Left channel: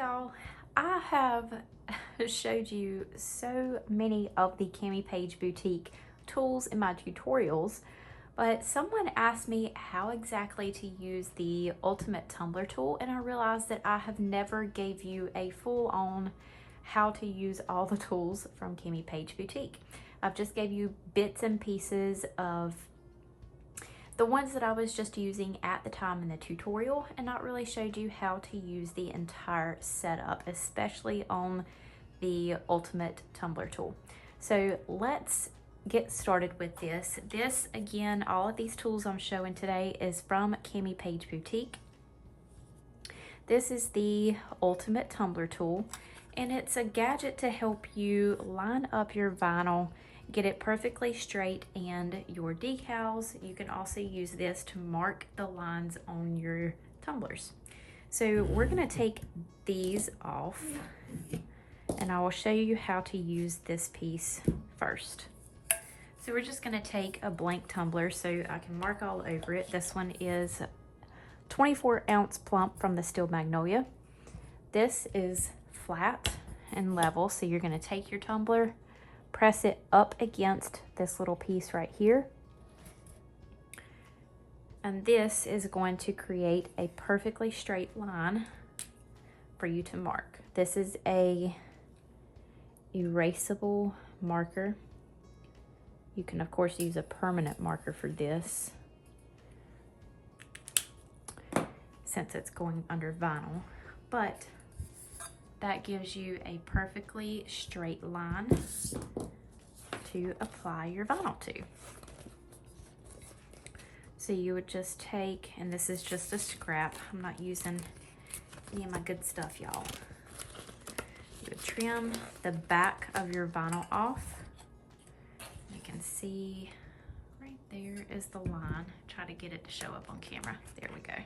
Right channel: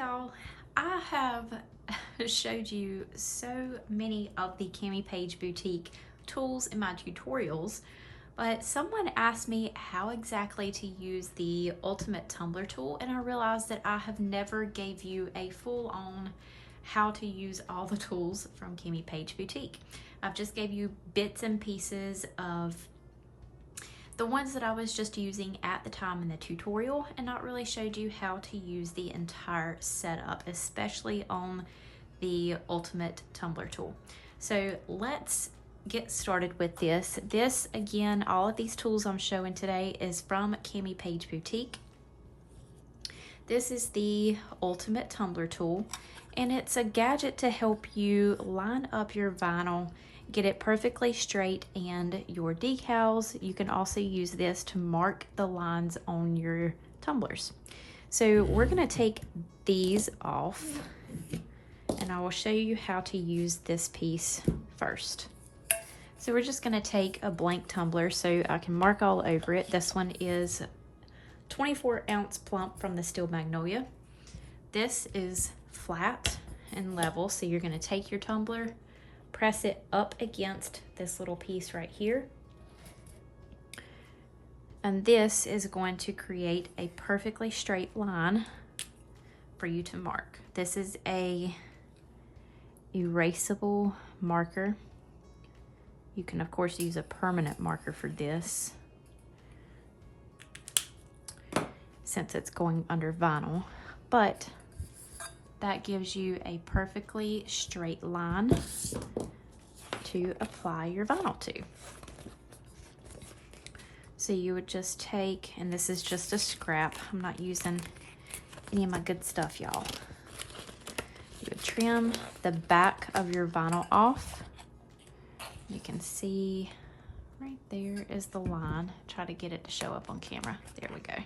y'all, I have showed you so many of the CAMIPAIGE boutique tools in my tutorials, but someone asked me how exactly to use the ultimate tumbler tool, and I realized that I have never gave you a full-on how to use all the tools from CAMIPAIGE boutique. I've just gave you bits and pieces of the ones that I was just using at the time in the tutorial, and not really showed you how to use the entire setup, especially on the ultimate tumbler tool. So let's get started with this. This, again, all of these tools I'm showing today is from CAMIPAIGE boutique. This is the ultimate tumbler tool, and it's a gadget to help you line up your vinyl, get it perfectly straight, and your decals. You can also use this to mark the lines on your tumblers. So we're going to take these off, and I will show you how to use this piece first. So we're just going to take a blank tumbler so I can mark all over it. This one is 24-ounce plump from the Steel Magnolia. This is flat and level, so you're going to take your tumbler, press it up against this little piece right here, and this is going to create a perfectly straight line for you to mark. This is a erasable marker. You can of course use a permanent marker for this since it's going under vinyl, but that gives you a perfectly straight line to apply your vinyl to. So you would just take, and this is just a scrap, I'm not using any of my good stuff, y'all. You would trim the back of your vinyl off. You can see right there is the line. Try to get it to show up on camera. There we go.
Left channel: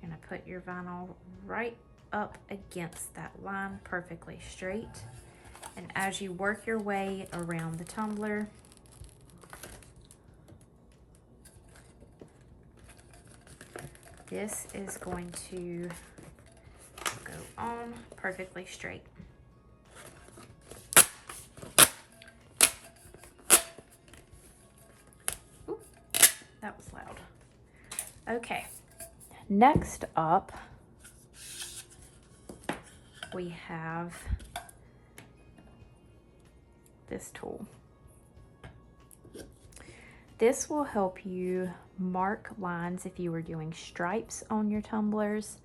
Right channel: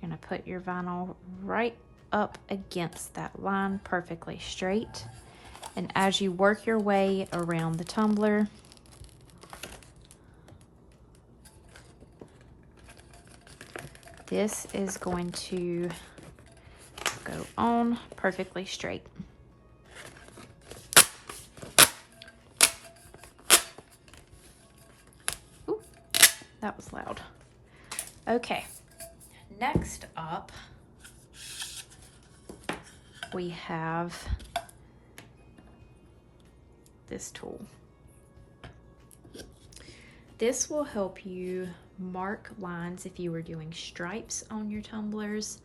You're gonna put your vinyl right up against that line, perfectly straight. And as you work your way around the tumbler, this is going to go on perfectly straight. Ooh, that was loud. Okay. Next up, we have this tool. This will help you mark lines if you were doing stripes on your tumblers.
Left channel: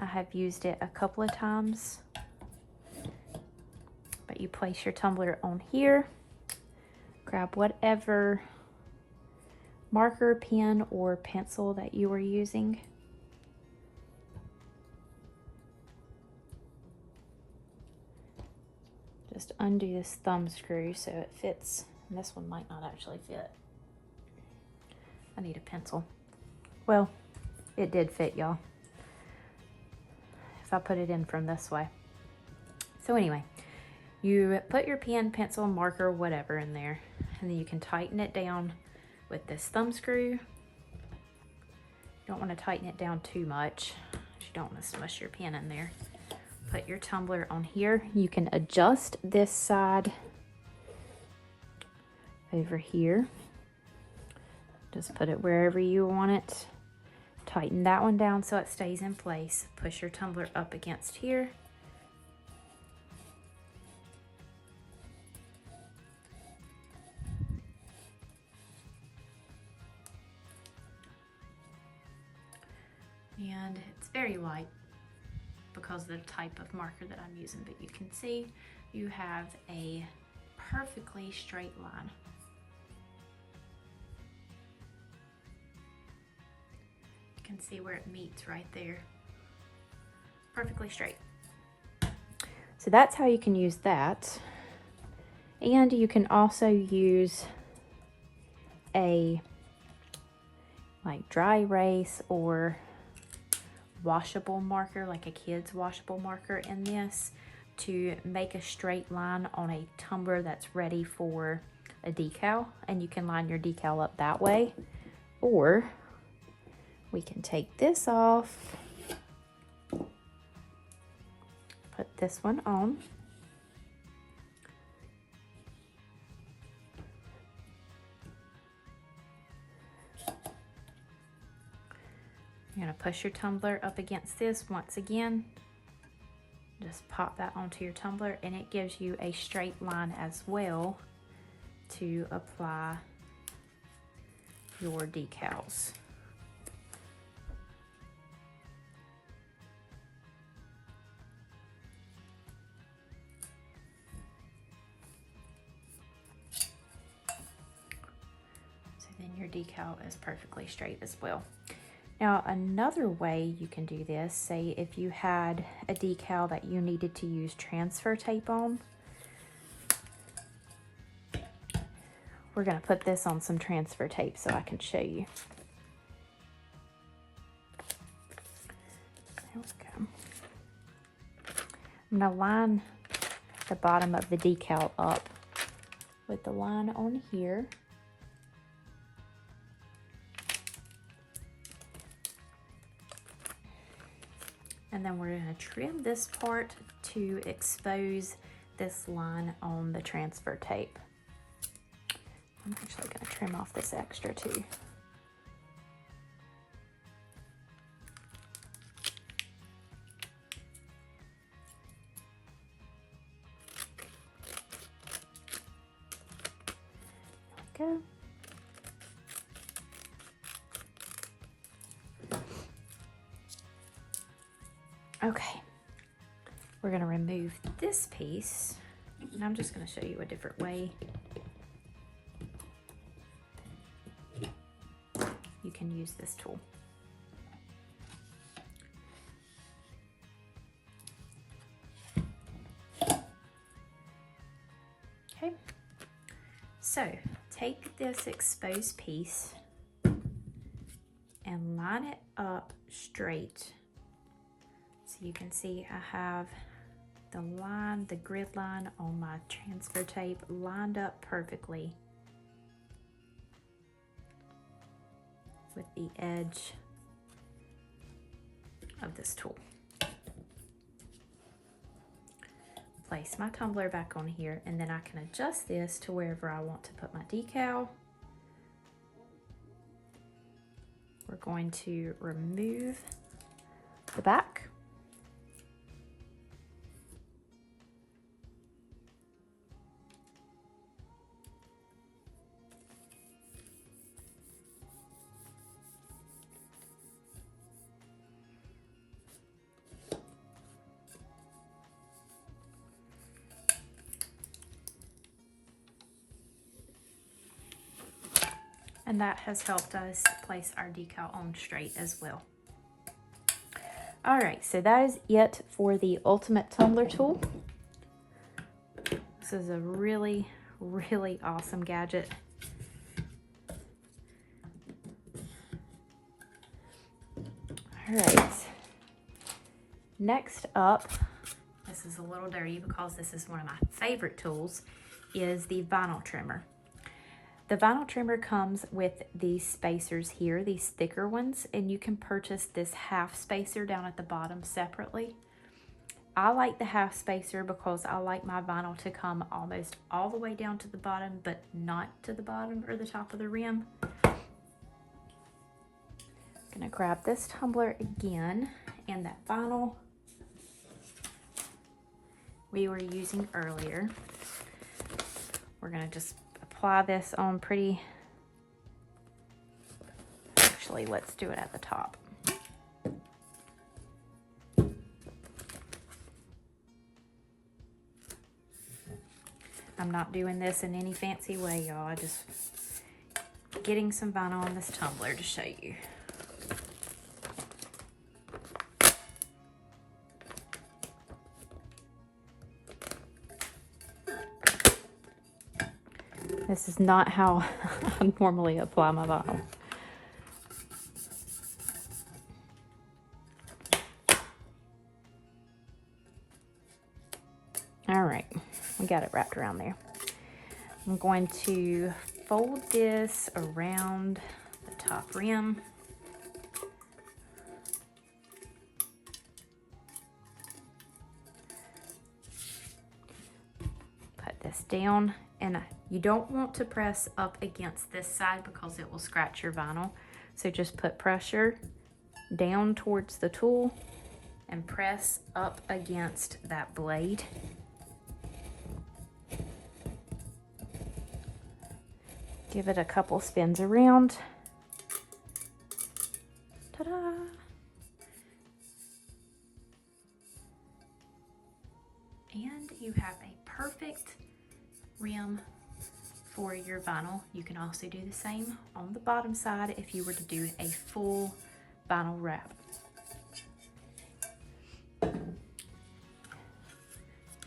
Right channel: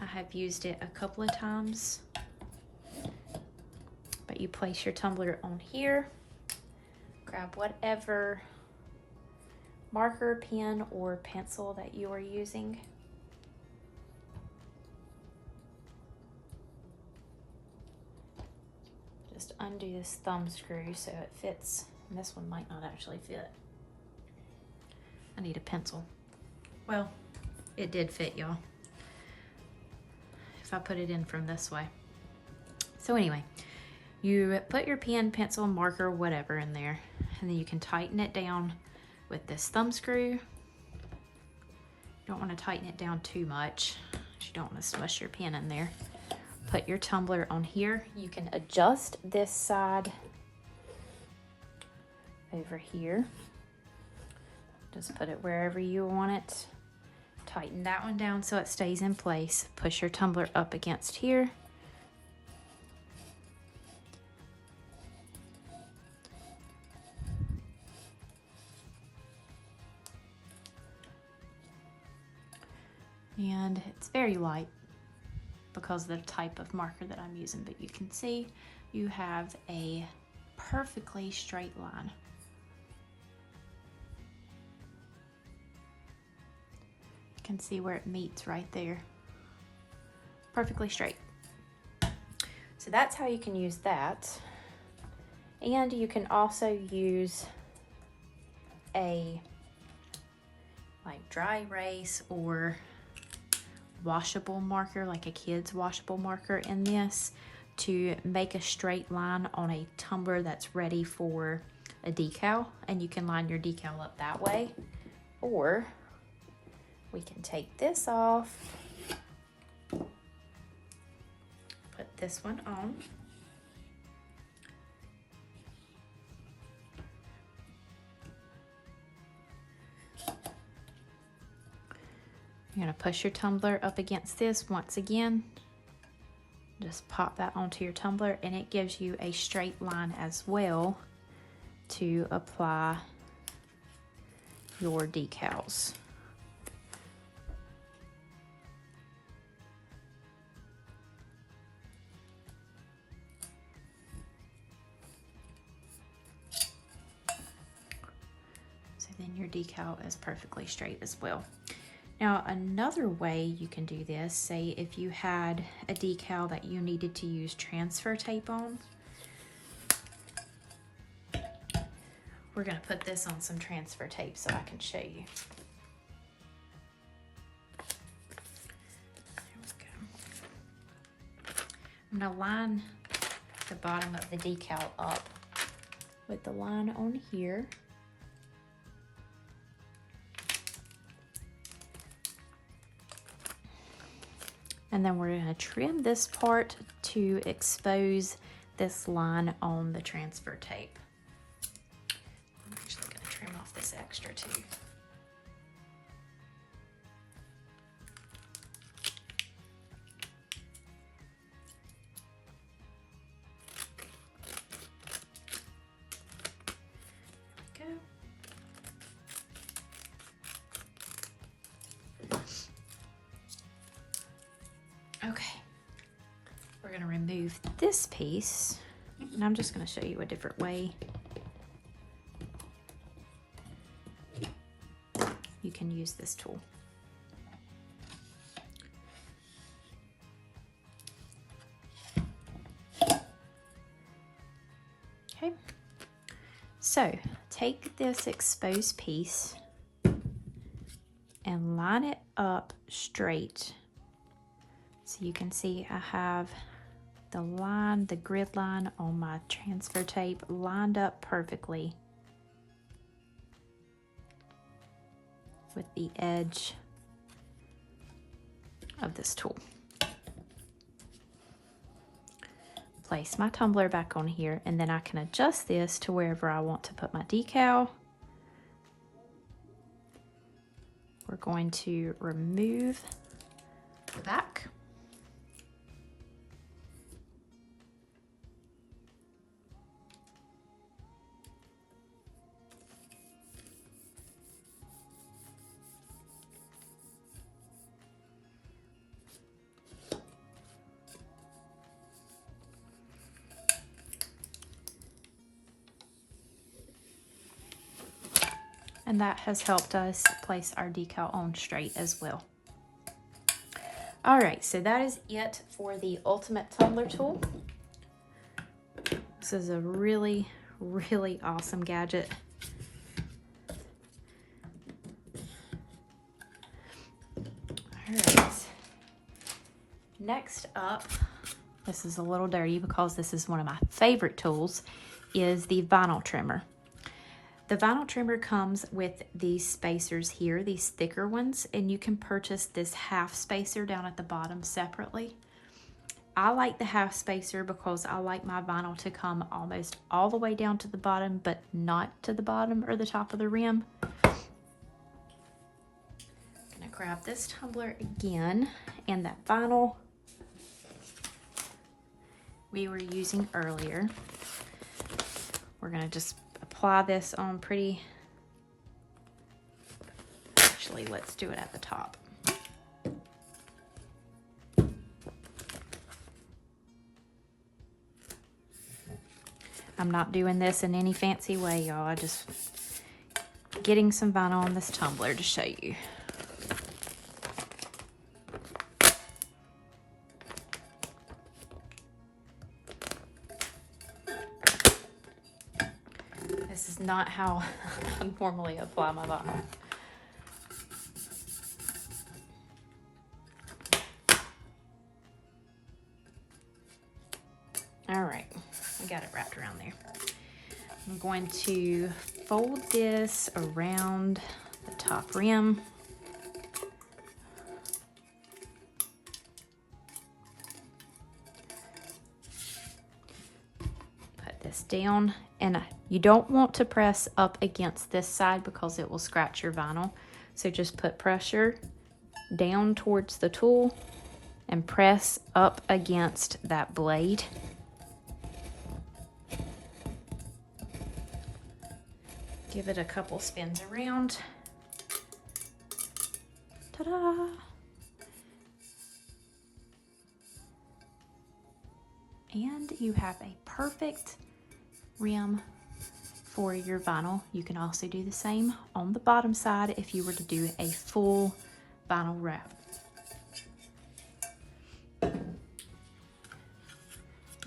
I have used it a couple of times, but you place your tumbler on here, grab whatever marker, pen, or pencil that you were using. Just undo this thumb screw so it fits. And this one might not actually fit. I need a pencil. Well, it did fit, y'all, if I put it in from this way. So anyway, you put your pen, pencil, marker, whatever in there, and then you can tighten it down with this thumb screw. You don't want to tighten it down too much. You don't want to smush your pen in there. Put your tumbler on here. You can adjust this side over here. Just put it wherever you want it. Tighten that one down so it stays in place. Push your tumbler up against here. And it's very light because of the type of marker that I'm using, but you can see you have a perfectly straight line. You can see where it meets right there. Perfectly straight. So that's how you can use that. And you can also use a dry erase or washable marker, like a kid's washable marker in this, to make a straight line on a tumbler that's ready for a decal, and you can line your decal up that way. Or we can take this off this one on. You're going to push your tumbler up against this once again. Just pop that onto your tumbler, and it gives you a straight line as well to apply your decals. So then your decal is perfectly straight as well. Now, another way you can do this, say if you had a decal that you needed to use transfer tape on, we're going to put this on some transfer tape so I can show you. There we go. I'm going to line the bottom of the decal up with the line on here. And then we're going to trim this part to expose this line on the transfer tape. I'm actually going to trim off this extra too. There we go. Okay, we're going to remove this piece, and I'm just going to show you a different way you can use this tool. Okay, so take this exposed piece and line it up straight. So you can see I have the line, the grid line on my transfer tape lined up perfectly with the edge of this tool. Place my tumbler back on here, and then I can adjust this to wherever I want to put my decal. We're going to remove the back. And that has helped us place our decal on straight as well. All right, so that is it for the Ultimate Tumbler Tool. This is a really, really awesome gadget. All right, next up, this is a little dirty because this is one of my favorite tools, is the vinyl trimmer. The vinyl trimmer comes with these spacers here, these thicker ones, and you can purchase this half spacer down at the bottom separately. I like the half spacer because I like my vinyl to come almost all the way down to the bottom, but not to the bottom or the top of the rim. I'm gonna grab this tumbler again, and that vinyl we were using earlier. We're gonna just apply this on pretty, actually let's do it at the top. I'm not doing this in any fancy way, y'all. I just getting some vinyl on this tumbler to show you. This is not how I normally apply my vinyl. All right, we got it wrapped around there. I'm going to fold this around the top rim. press down, and you don't want to press up against this side because it will scratch your vinyl. So just put pressure down towards the tool and press up against that blade. Give it a couple spins around. Ta-da! And you have a perfect rim for your vinyl. You can also do the same on the bottom side if you were to do a full vinyl wrap. And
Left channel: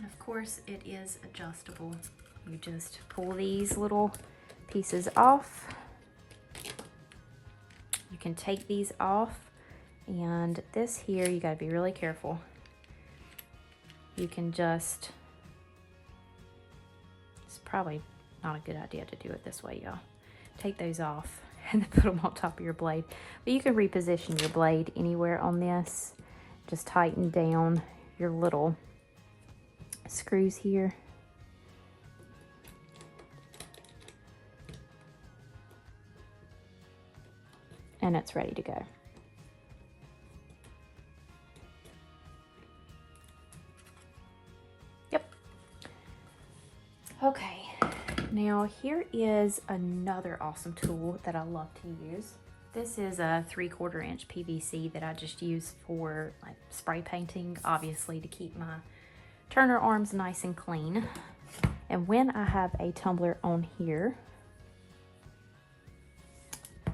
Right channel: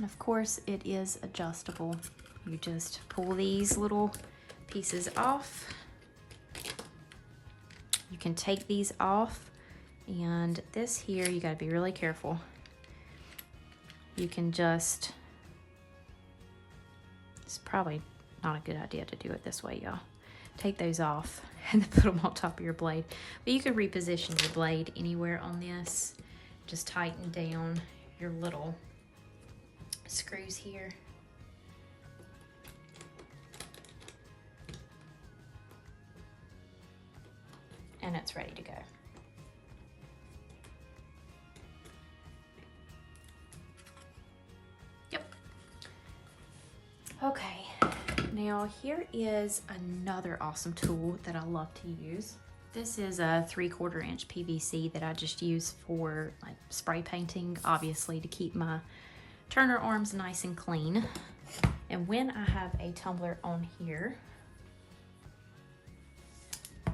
of course it is adjustable. You just pull these little pieces off. You can take these off, and this here you got to be really careful. You can just, it's probably not a good idea to do it this way, y'all. Take those off and put them on top of your blade. But you can reposition your blade anywhere on this. Just tighten down your little screws here. And it's ready to go. Yep. Okay, now here is another awesome tool that I love to use. This is a 3/4 inch PVC that I just use for like spray painting, obviously to keep my turner arms nice and clean. And when I have a tumbler on here,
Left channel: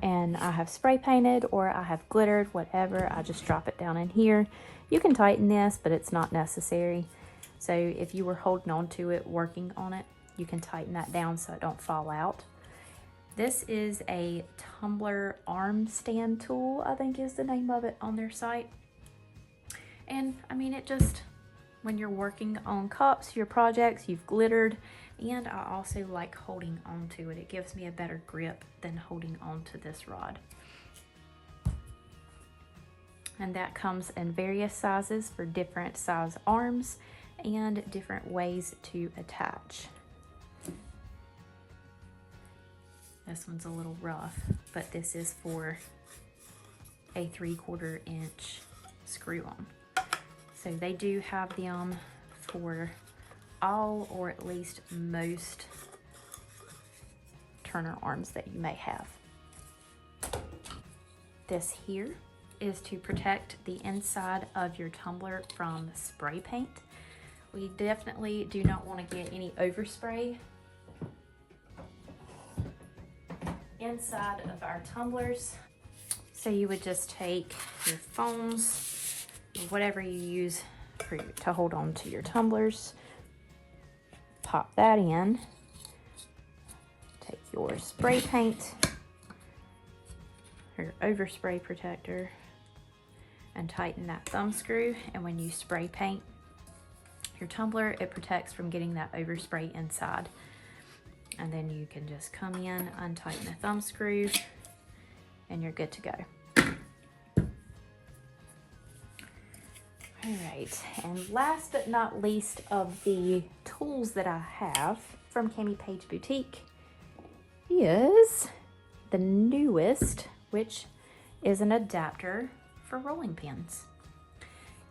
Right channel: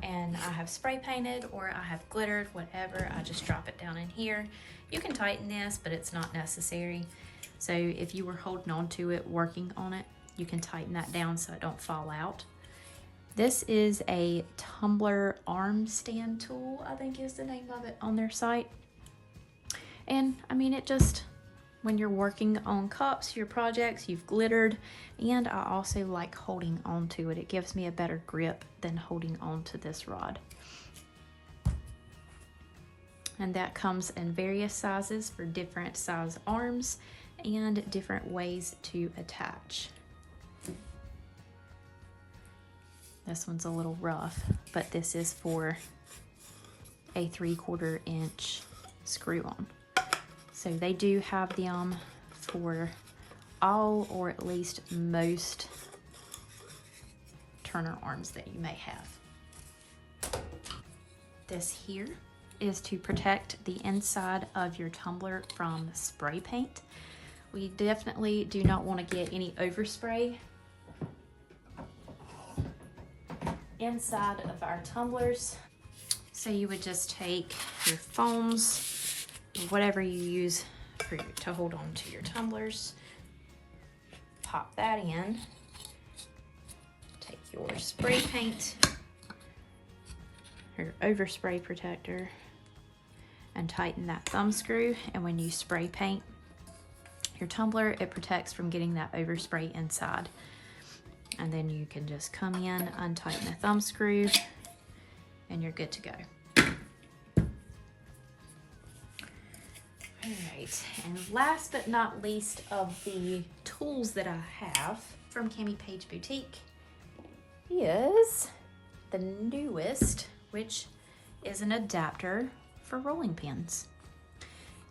and I have spray painted or I have glittered, whatever, I just drop it down in here. You can tighten this, but it's not necessary. So if you were holding on to it, working on it, you can tighten that down so it don't fall out. This is a tumbler arm stand tool, I think is the name of it on their site. And I mean, it just, when you're working on cups, your projects, you've glittered, and I also like holding on to it. It gives me a better grip than holding on to this rod. And that comes in various sizes for different size arms and different ways to attach. This one's a little rough, but this is for a 3/4 inch screw on. So they do have them for all or at least most turner arms that you may have. This here is to protect the inside of your tumbler from spray paint. We definitely do not want to get any overspray inside of our tumblers. So you would just take your foams, whatever you use to hold on to your tumblers, pop that in, take your spray paint, your overspray protector, and tighten that thumb screw. And when you spray paint your tumbler, it protects from getting that overspray inside. And then you can just come in, untighten the thumb screw, and you're good to go. Alright, and last but not least of the tools that I have from CAMIPAIGE Boutique is the newest, which is an adapter for rolling pins.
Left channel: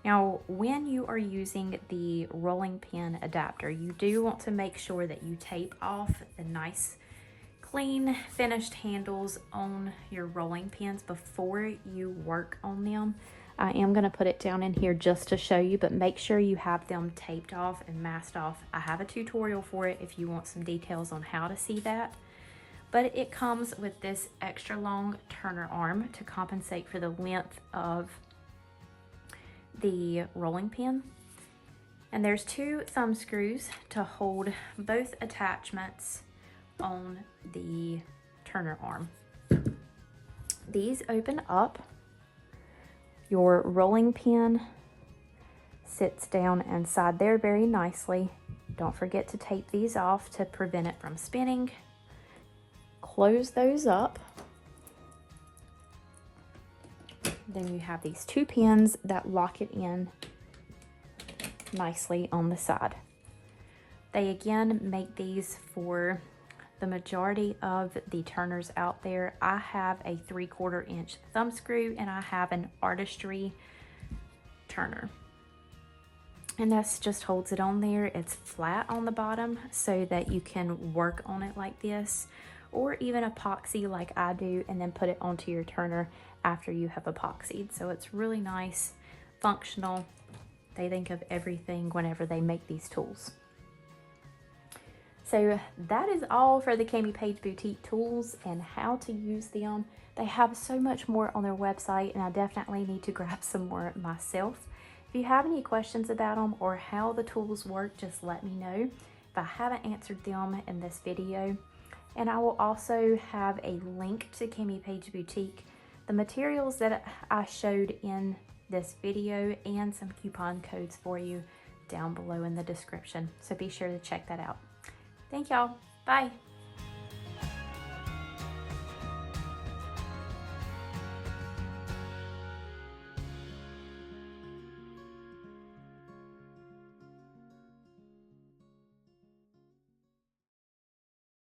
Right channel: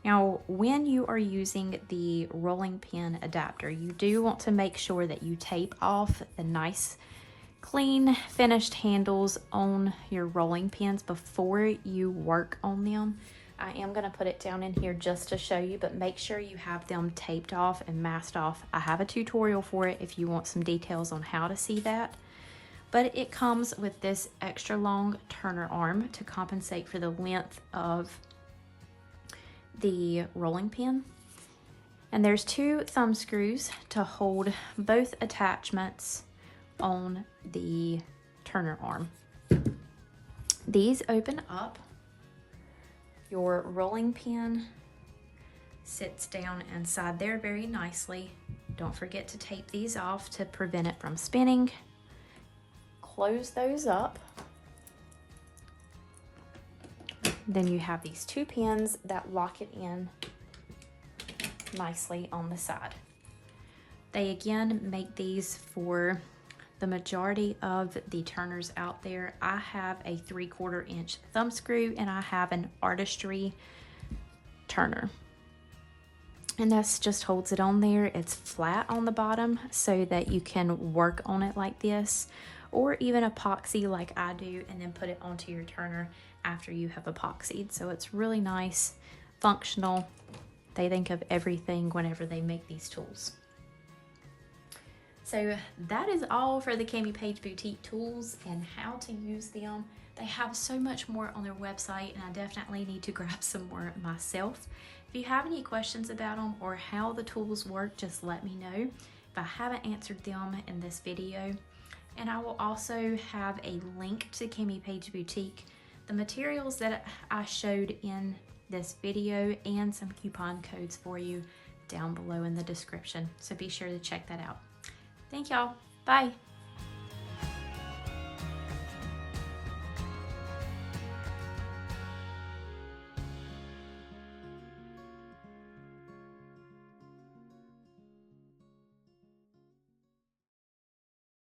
Now, when you are using the rolling pin adapter, you do want to make sure that you tape off the nice, clean, finished handles on your rolling pins before you work on them. I am going to put it down in here just to show you, but make sure you have them taped off and masked off. I have a tutorial for it if you want some details on how to see that. But it comes with this extra long turner arm to compensate for the length of the rolling pin. And there's 2 thumb screws to hold both attachments on the turner arm. These open up. Your rolling pin sits down inside there very nicely. Don't forget to tape these off to prevent it from spinning. Close those up. Then you have these 2 pins that lock it in nicely on the side. They again make these for the majority of the turners out there. I have a 3/4 inch thumb screw and I have an ARTISTRY turner. And this just holds it on there. It's flat on the bottom so that you can work on it like this, or even epoxy like I do and then put it onto your turner after you have epoxied. So it's really nice, functional. They think of everything whenever they make these tools. So that is all for the CAMIPAIGE boutique tools and how to use them. They have so much more on their website and I definitely need to grab some more myself. If you have any questions about them or how the tools work, just let me know if I haven't answered them in this video. And I will also have a link to CAMIPAIGE Boutique, the materials that I showed in this video, and some coupon codes for you down below in the description. So be sure to check that out. Thank y'all. Bye.